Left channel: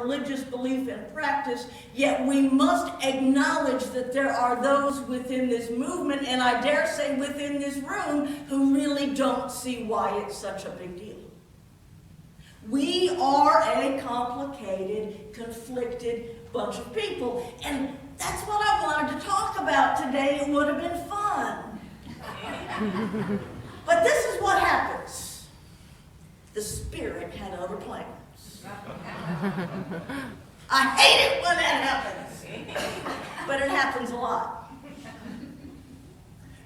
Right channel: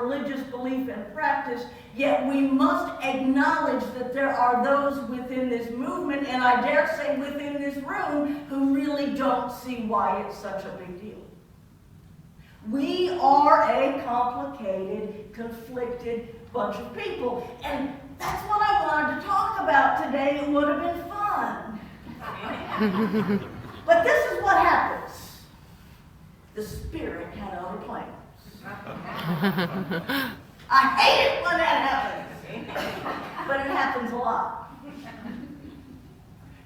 religious belief and practice, yet we must acknowledge that there are those within this movement, and I dare say within this room, who really don't see why it's such a big deal. We are a complicated, conflicted bunch of people, and that's what I wanted to talk about today. It would have been fun. But this is what happens. The Spirit had other plans. I hate it when that happens, but it happens a lot.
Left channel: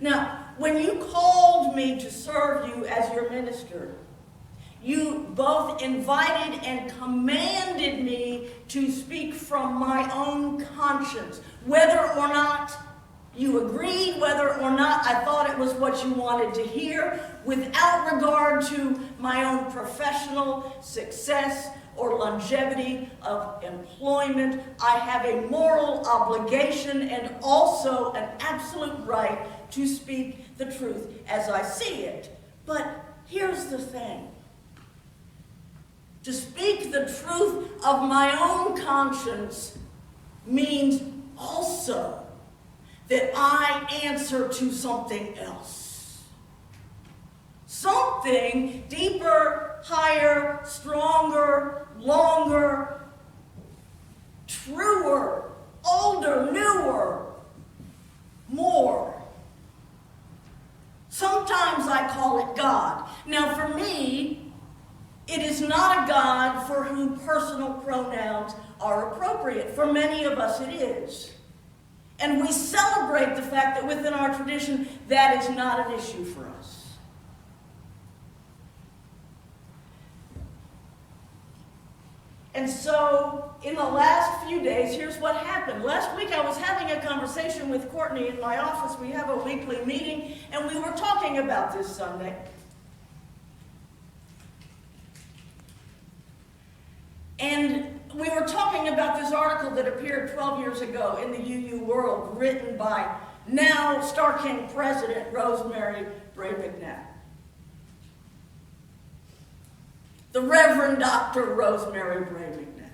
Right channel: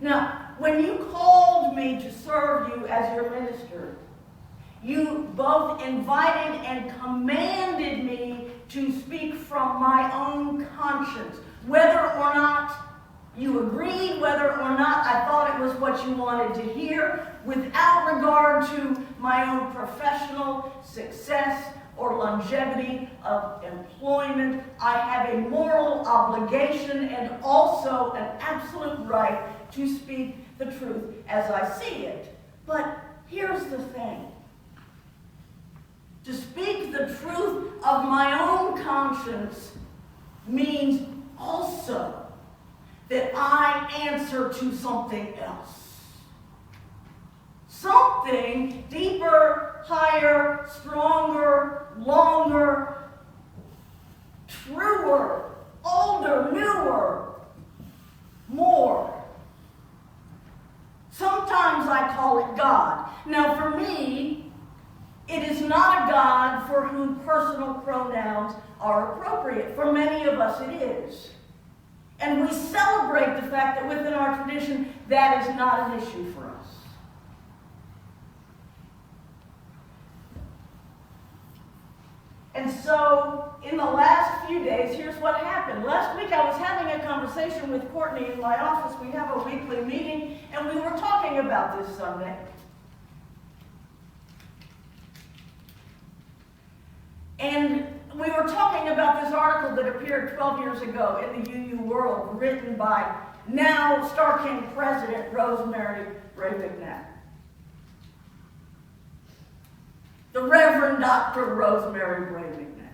Now, when you called me to serve you as your minister, you both invited and commanded me to speak from my own conscience. Whether or not you agreed, whether or not I thought it was what you wanted to hear, without regard to my own professional success or longevity of employment, I have a moral obligation and also an absolute right to speak the truth as I see it. But here's the thing. To speak the truth of my own conscience means also that I answer to something else. Something deeper, higher, stronger, longer, truer, older, newer, more. Sometimes I call it God. Now for me, it is not a God for whom personal pronouns are appropriate. For many of us it is. And we celebrate the fact that within our tradition, that is not an issue for us. And so, in the last few days, here's what happened. Last week I was having a conversation with Courtney in my office. We have a weekly meeting, and we were talking about this Sunday. And we were talking about this article that appeared 12 years ago in the UU World, written by now Star King President Rosemary Bray McNabb. The Reverend Dr. Rosemary Bray McNabb,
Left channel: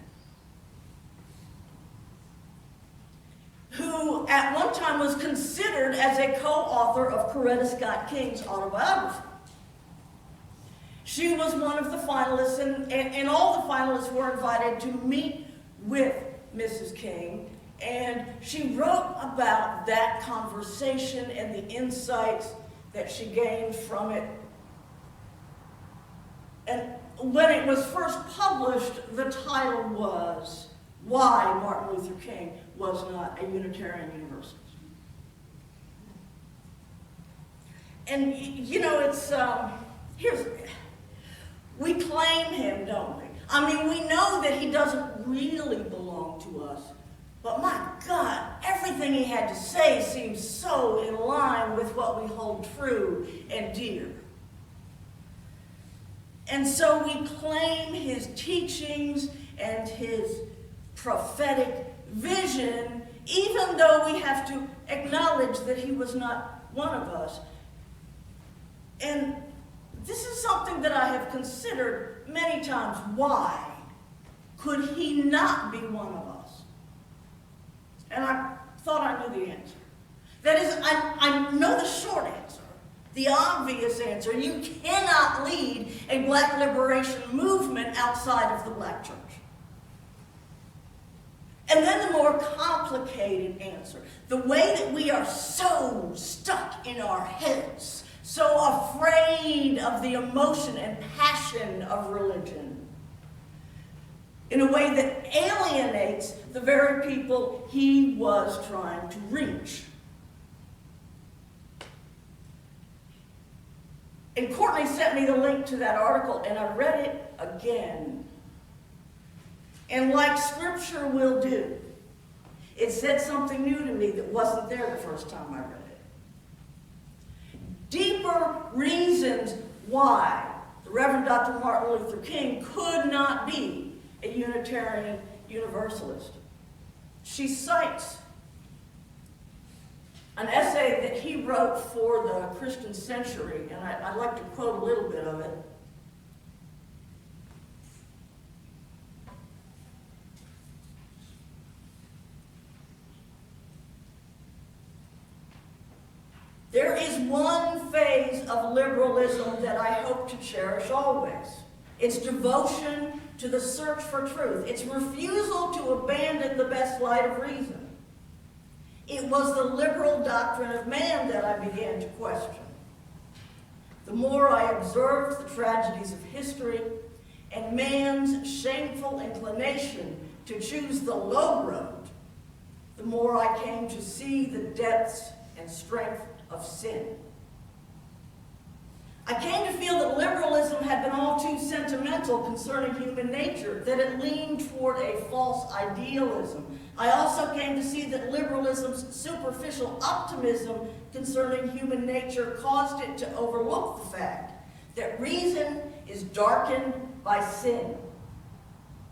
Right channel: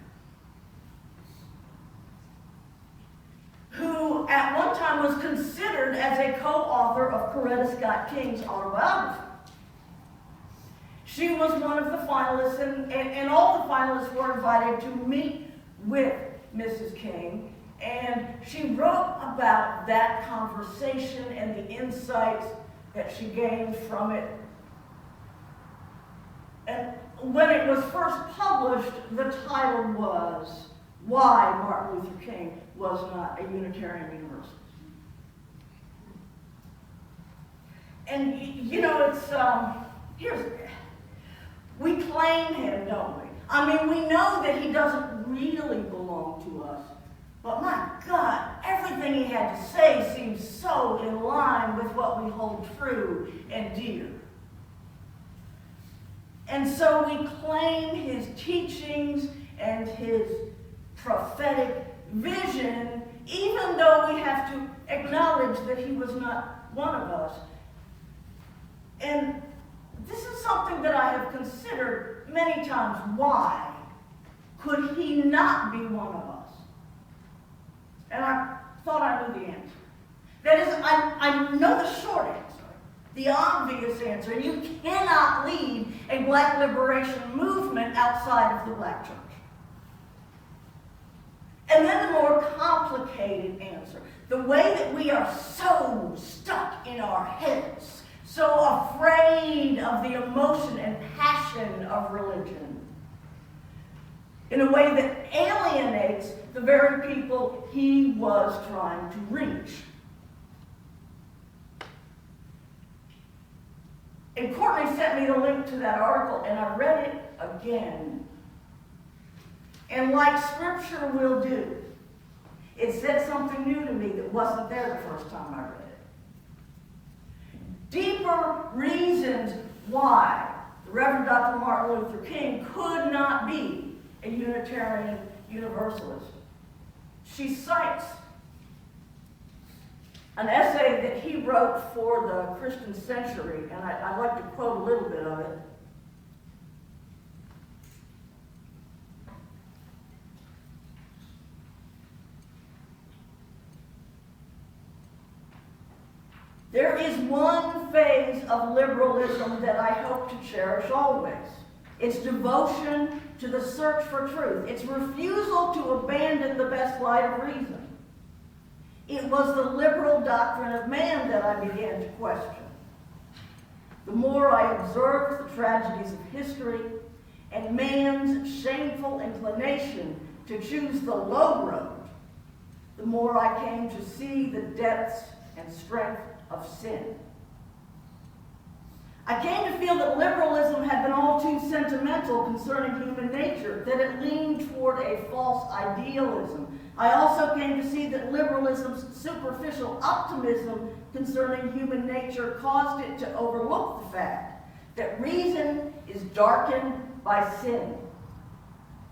who at one time was considered as a co-author of Coretta Scott King's autobiography. She was one of the finalists, and all the finalists were invited to meet with Mrs. King, and she wrote about that conversation and the insights that she gained from it. And when it was first published, the title was Why Martin Luther King Was Not a Unitarian Universalist. And, you know, we claim him, don't we? I mean, we know that he doesn't really belong to us. But my God, everything he had to say seems so in line with what we hold true and dear. And so we claim his teachings and his prophetic vision, even though we have to acknowledge that he was not one of us. And this is something that I have considered many times. Why could he not be one of us? And I thought I knew the answer. That is, I know the short answer, the obvious answer. You cannot lead a black liberation movement outside of the black church. And then the more complicated answer, the way that we are so stuck in our heads, so afraid of the emotion and passion of religion, in a way that alienates the very people he was trying to reach. And Courtney sent me the link to that article, and I read it again. And like Scripture will do, it said something new to me that wasn't there the first time I read it. Deeper reasons why the Reverend Dr. Martin Luther King could not be a Unitarian Universalist. She cites an essay that he wrote for the Christian Century, and I'd like to quote a little bit of it. There is one phase of liberalism that I hope to cherish always. It's devotion to the search for truth. It's refusal to abandon the best light of reason. It was the liberal doctrine of man that I began to question. The more I observed the tragedies of history and man's shameful inclination to choose the low road, the more I came to see the depths and strength of sin. I came to feel that liberalism had been all too sentimental concerning human nature, that it leaned toward a false idealism. I also came to see that liberalism's superficial optimism concerning human nature caused it to overlook the fact that reason is darkened by sin.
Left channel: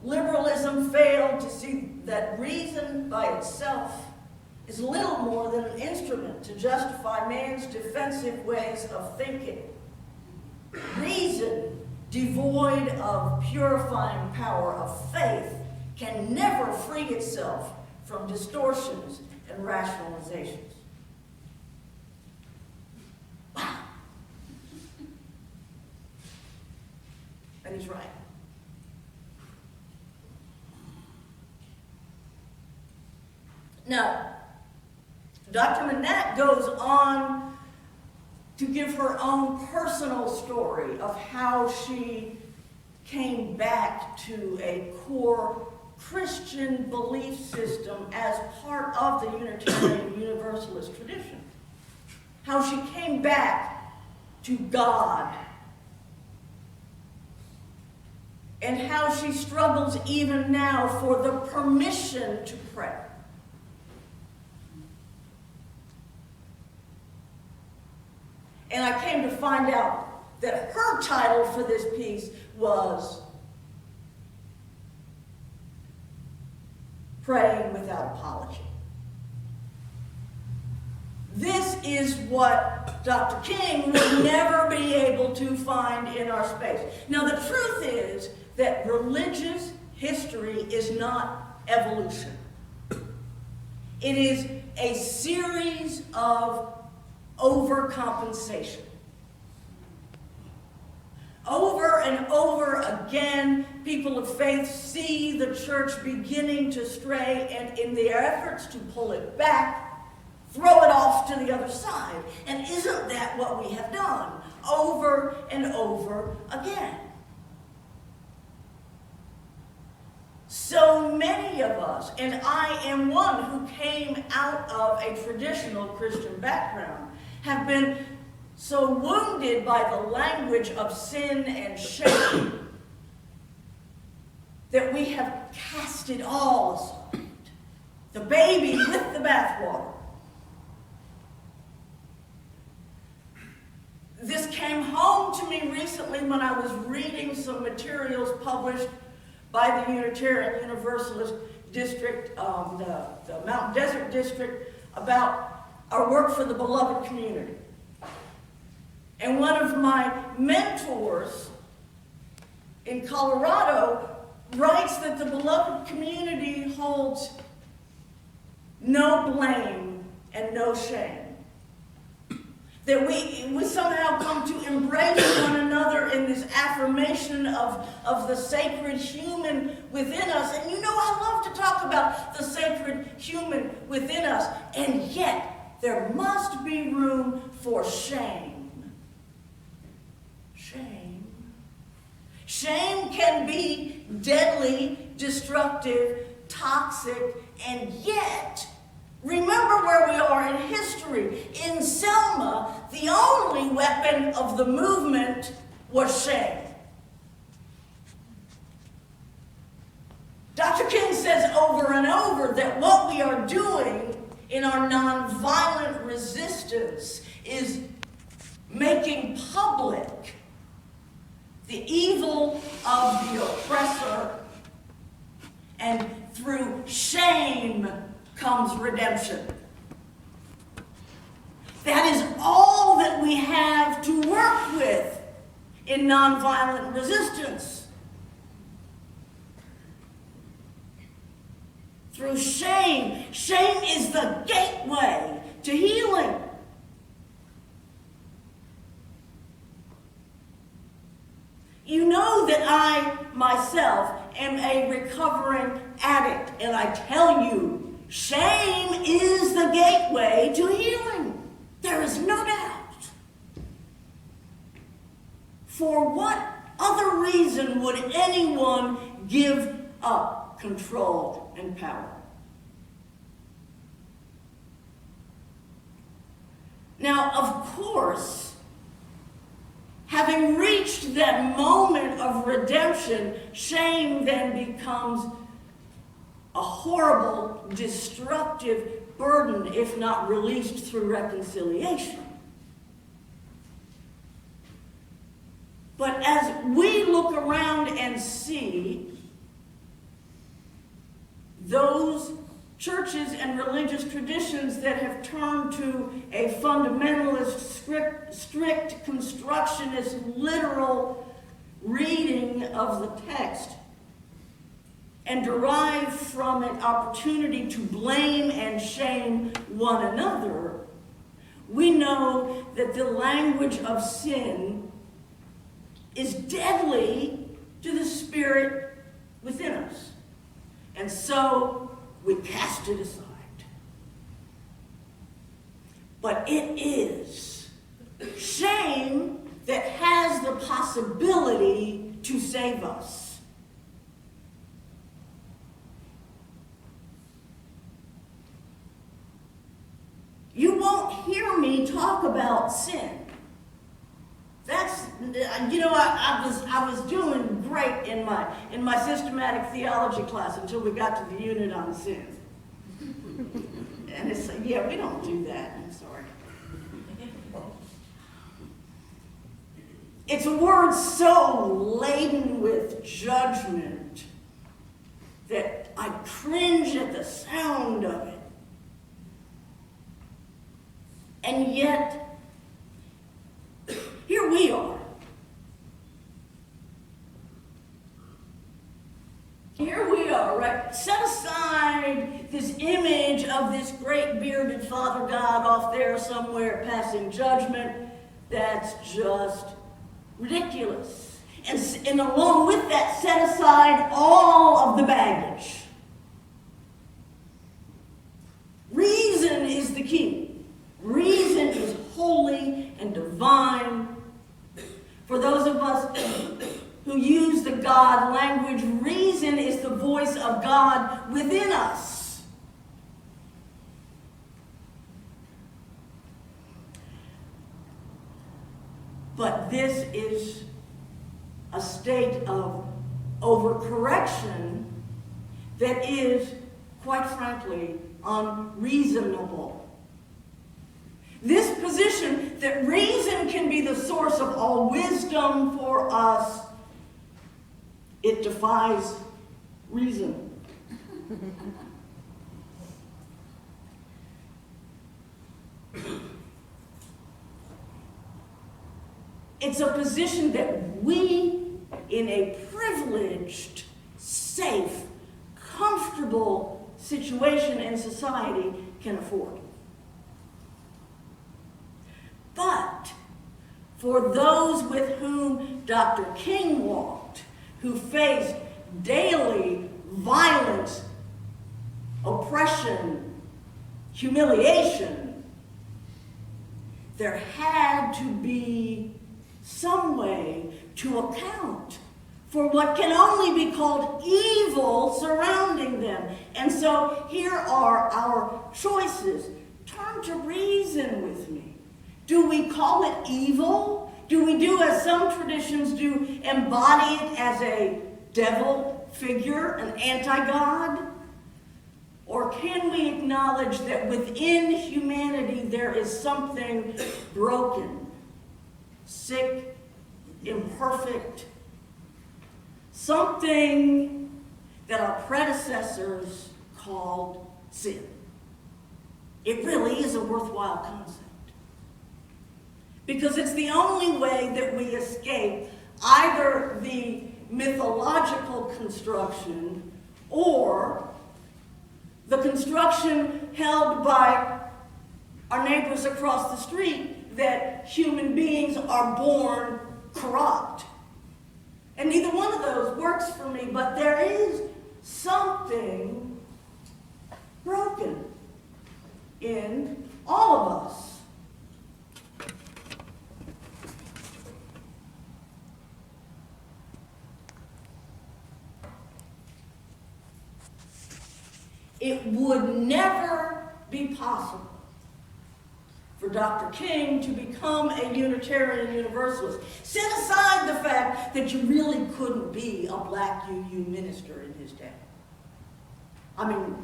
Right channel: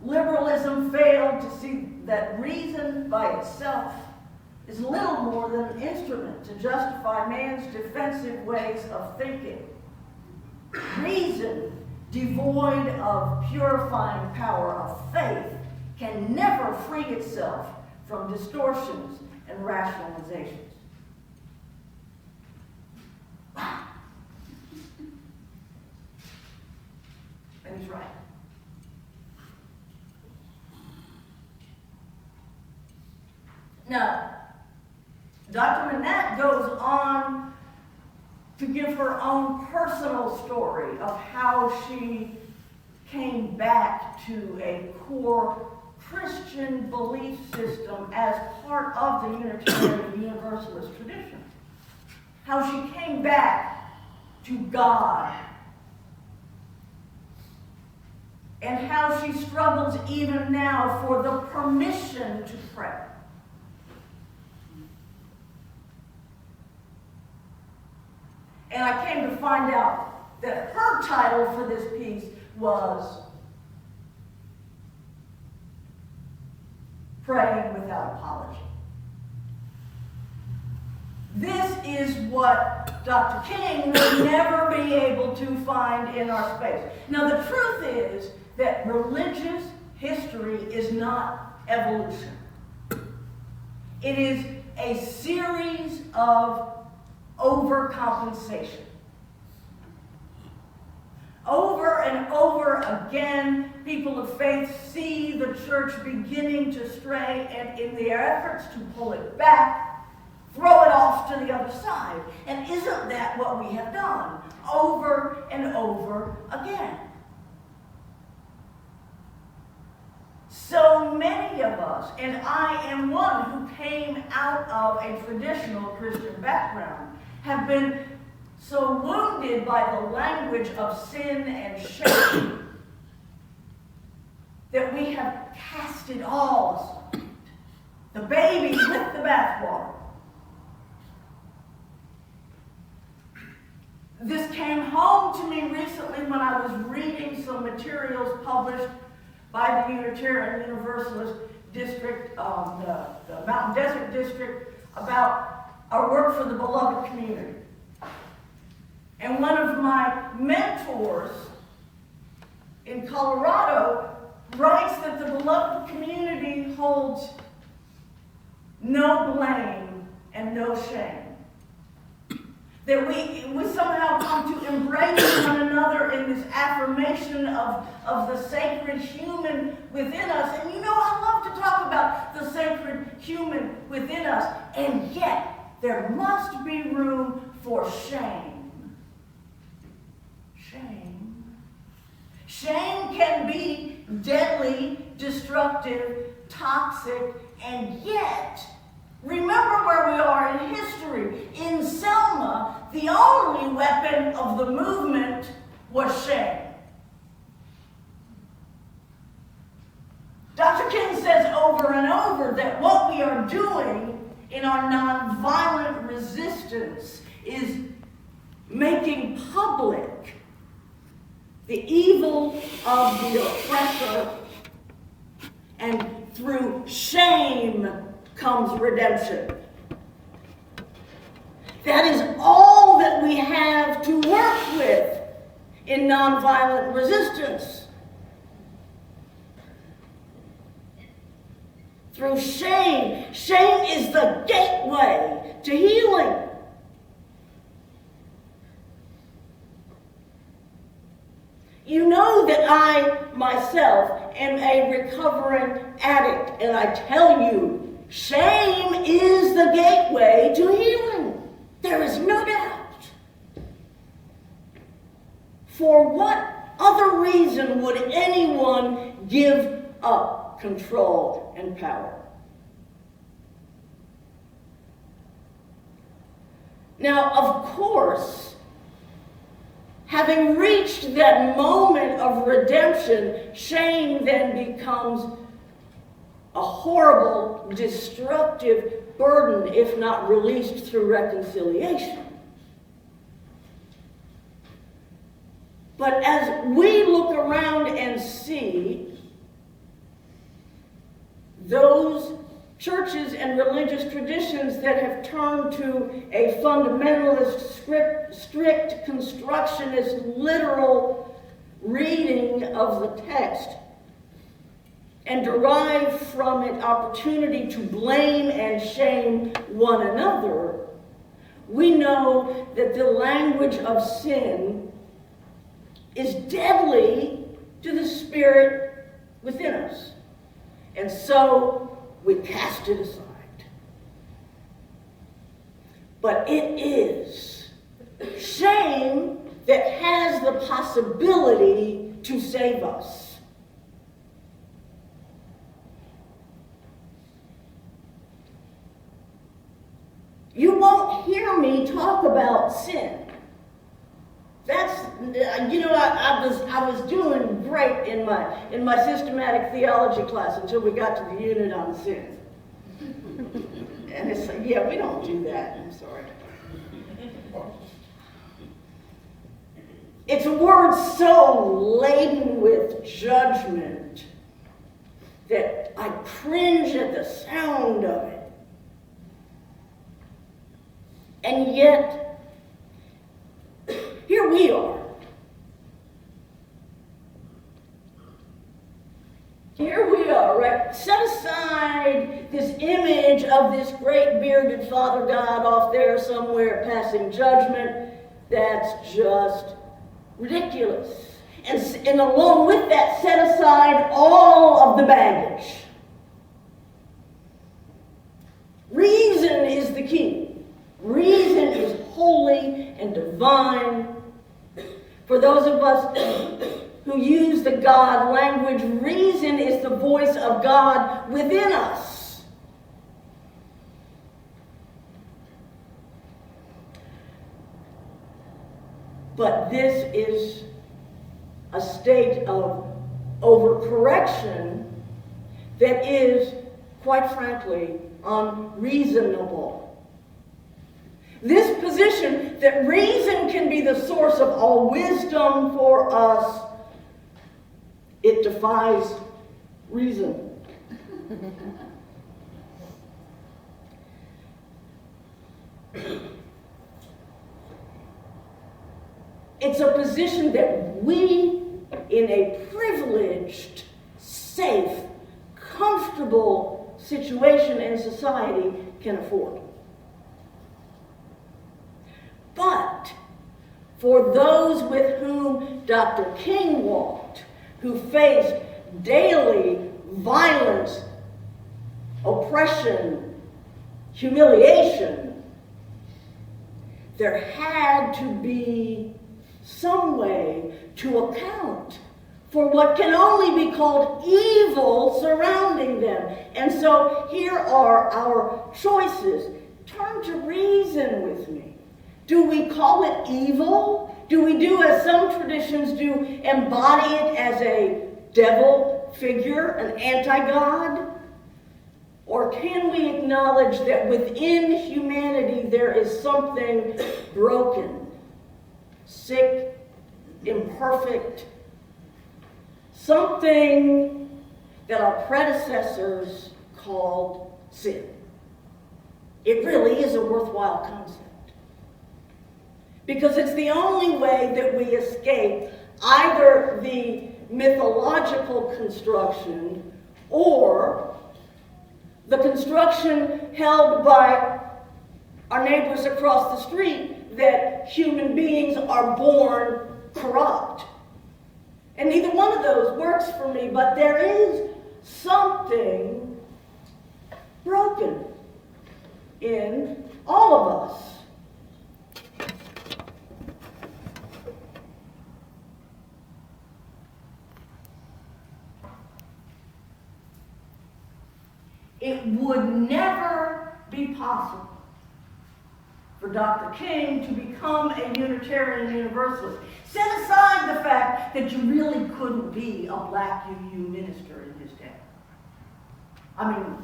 Liberalism failed to see that reason by itself is little more than an instrument to justify man's defensive ways of thinking. Reason, devoid of purifying power of faith, can never free itself from distortions and rationalizations. Wow. And he's right. Now, Dr. Manette goes on to give her own personal story of how she came back to a core Christian belief system as part of the Unitarian Universalist tradition. How she came back to God. And how she struggles even now for the permission to pray. And I came to find out that her title for this piece was Praying Without Apology. This is what Dr. King would never be able to find in our space. Now, the truth is that religious history is not evolution. It is a series of overcompensation. Over and over again, people of faith see the church beginning to stray, and in their efforts to pull it back, throw it off to the other side. And isn't that what we have done over and over again? So many of us, and I am one who came out of a traditional Christian background, have been so wounded by the language of sin and shame that we have cast it all aside. The baby with the bathwater. This came home to me recently when I was reading some materials published by the Unitarian Universalist District, the Mountain Desert District, about our work for the beloved community. And one of my mentors in Colorado writes that the beloved community holds no blame and no shame. That we somehow come to embrace one another in this affirmation of the sacred human within us. And you know, I love to talk about the sacred human within us. And yet, there must be room for shame. Shame. Shame can be deadly, destructive, toxic, and yet, remember where we are in history. In Selma, the only weapon of the movement was shame. Dr. King says over and over that what we are doing in our nonviolent resistance is making public the evil of the oppressor, and through shame comes redemption. That is all that we have to work with in nonviolent resistance. Through shame. Shame is the gateway to healing. am a recovering addict, and I tell you, shame is the gateway to healing. There is no doubt. For what other reason would anyone give up control and power? Now, of course, having reached that moment of redemption, shame then becomes a horrible, destructive burden if not released through reconciliation. But as we look around and see those churches and religious traditions that have turned to a fundamentalist, strict constructionist, literal reading of the text and derive from it opportunity to blame and shame one another, we know that the language of sin is deadly to the spirit within us. And so we cast it aside. But it is shame that has the possibility to save us. You won't hear me talk about sin. That's, I was doing great in my systematic theology class until we got to the unit on sin. And it's like, yeah, we don't do that. I'm sorry. It's a word so laden with judgment that I cringe at the sound of it. And yet, here we are. Here we are, right? Set aside this image of this great bearded Father God off there somewhere passing judgment. That's just ridiculous. And along with that, set aside all of the baggage. Reason is the key. Reason is holy and divine. For those of us who use the God language, reason is the voice of God within us. But this is a state of overcorrection that is, quite frankly, unreasonable. This position that reason can be the source of all wisdom for us, it defies reason. It's a position that we, in a privileged, safe, comfortable situation in society, can afford. But for those with whom Dr. King walked, who faced daily violence, oppression, humiliation, there had to be some way to account for what can only be called evil surrounding them. And so here are our choices. Turn to reason with me. Do we call it evil? Do we do as some traditions do, embody it as a devil figure, an anti-God? Or can we acknowledge that within humanity there is something broken, sick, imperfect, something that our predecessors called sin? It really is a worthwhile concept. Because it's the only way that we escape either the mythological construction or the construction held by our neighbors across the street that human beings are born corrupt And neither one of those works for me, but there is something broken in all of us. It would never be possible for Dr. King to become a Unitarian Universalist. Set aside the fact that you really couldn't be a black UU minister in his day. I mean,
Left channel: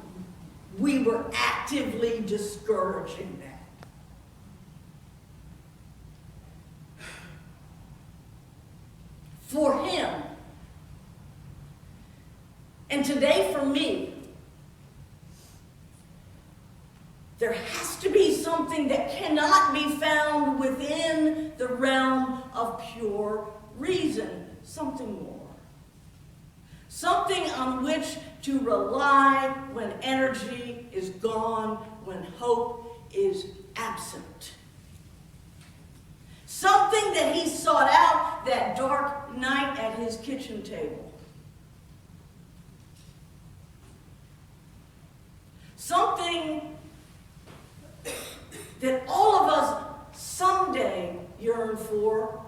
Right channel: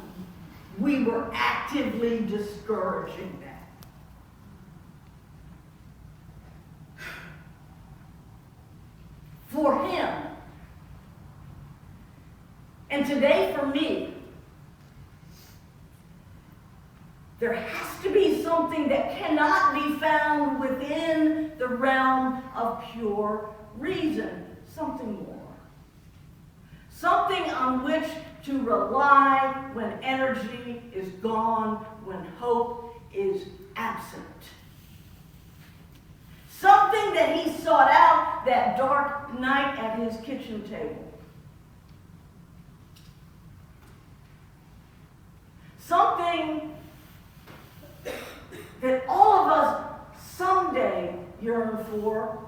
we were actively discouraging that. For him, and today for me, there has to be something that cannot be found within the realm of pure reason. Something more. Something on which to rely when energy is gone, when hope is absent. Something that he sought out that dark night at his kitchen table. Something that all of us someday yearn for.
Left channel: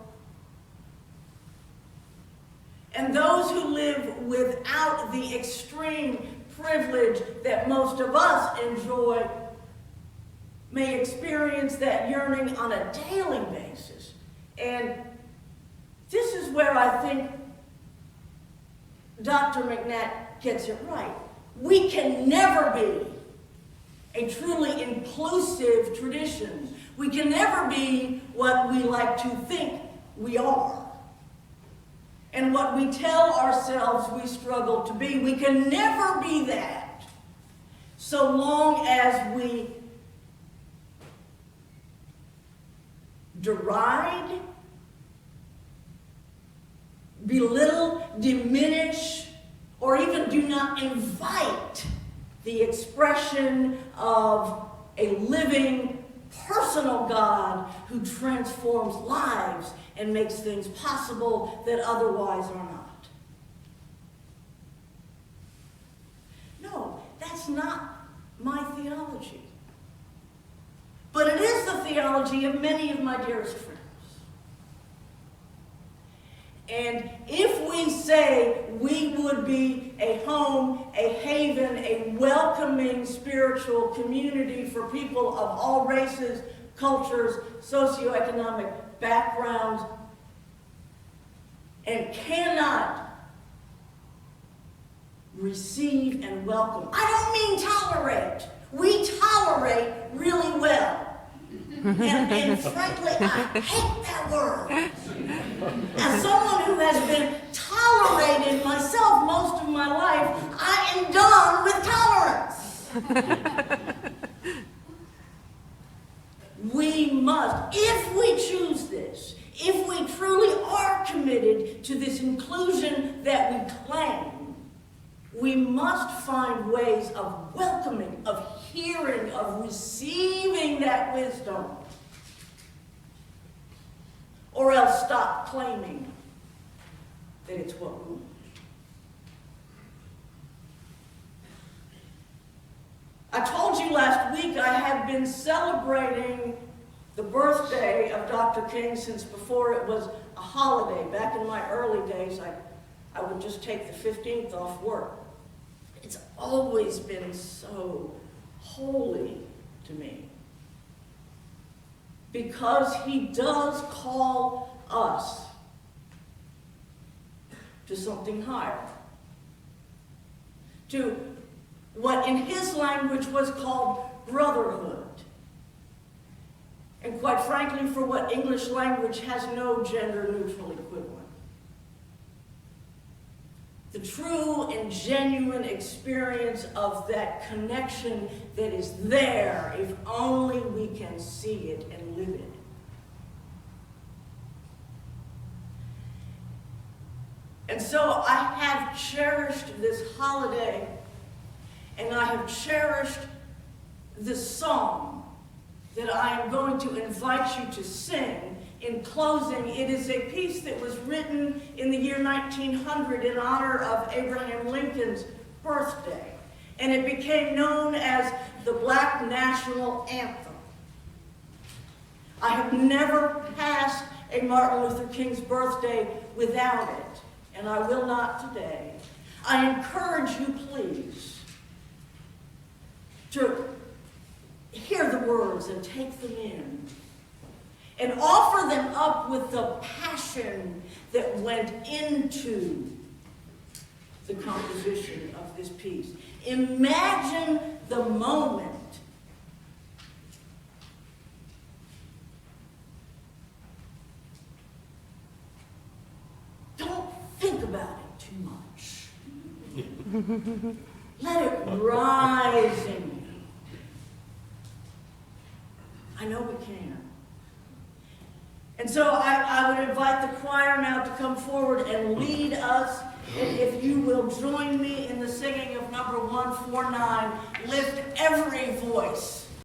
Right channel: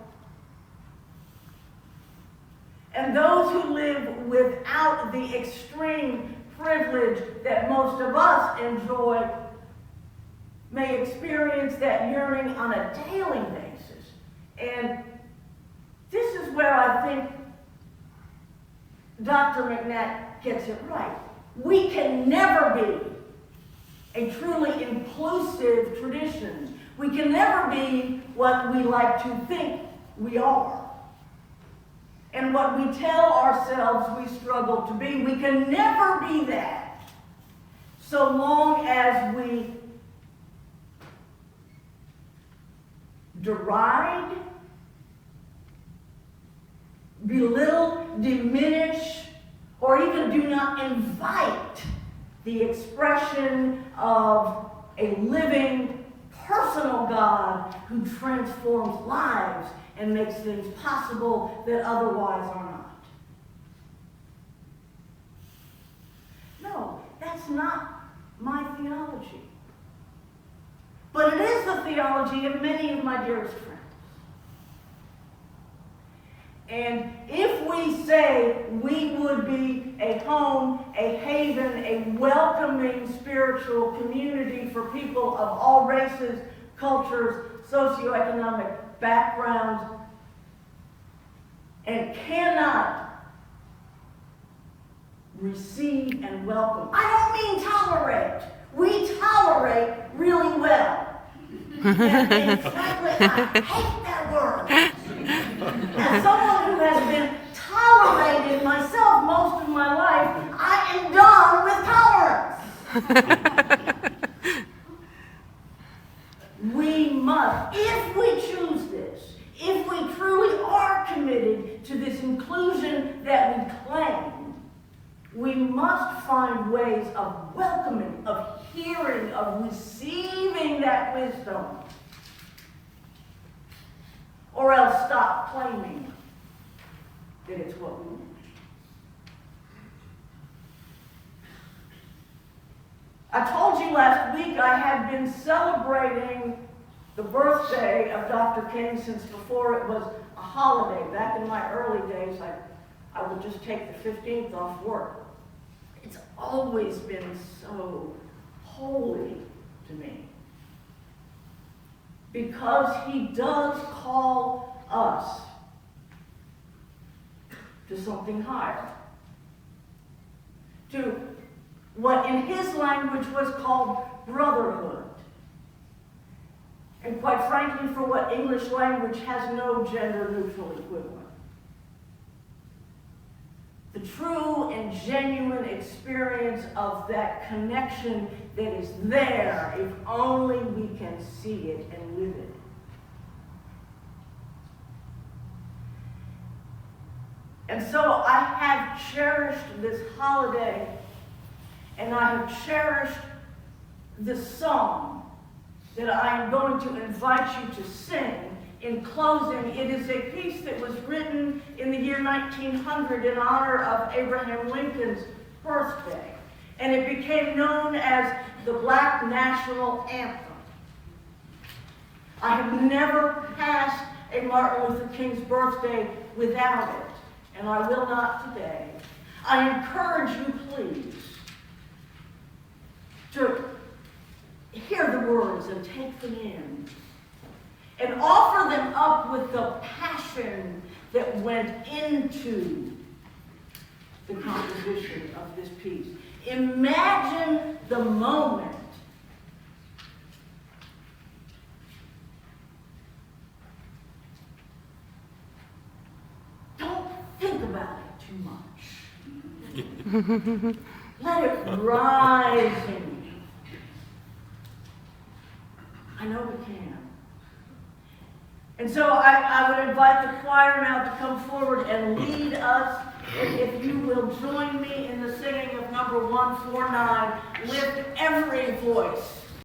And those who live without the extreme privilege that most of us enjoy may experience that yearning on a daily basis. And this is where I think Dr. McNatt gets it right. We can never be a truly inclusive tradition. We can never be what we like to think we are. And what we tell ourselves we struggle to be. We can never be that so long as we deride, belittle, diminish, or even do not invite the expression of a living, personal God who transforms lives and makes things possible that otherwise are not. No, that's not my theology. But it is the theology of many of my dearest friends. And if we say we would be a home, a haven, a welcoming spiritual community for people of all races, cultures, socioeconomic backgrounds, and cannot receive and welcome. I don't mean tolerate. We tolerate really well. And frankly, I hate that word. As someone who has been tolerated myself most of my life, I am done with tolerance. We must, if we choose this, if we truly are committed to this inclusion that we claim, we must find ways of welcoming, of hearing, of receiving that wisdom. Or else stop claiming that it's what we want. I told you last week I had been celebrating the birthday of Dr. King since before it was a holiday. Back in my early days, I would just take the 15th off work. It's always been so holy to me. Because he does call us to something higher. To what in his language was called brotherhood. And quite frankly, for what English language has no gender-neutral equivalent. The true and genuine experience of that connection that is there if only we can see it and live it. And so I have cherished this holiday, and I have cherished the song that I am going to invite you to sing in closing, it is a piece that was written in the year 1900 in honor of Abraham Lincoln's birthday, and it became known as the Black National Anthem. I have never passed a Martin Luther King's birthday without it, and I will not today. I encourage you, please, to hear the words and take them in, and offer them up with the passion that went into the composition of this piece. Imagine the moment don't think about it too much. Let it rise in you. I know we can. And so I would invite the choir now to come forward and lead us. And if you will join me in the singing of number 149, lift every voice.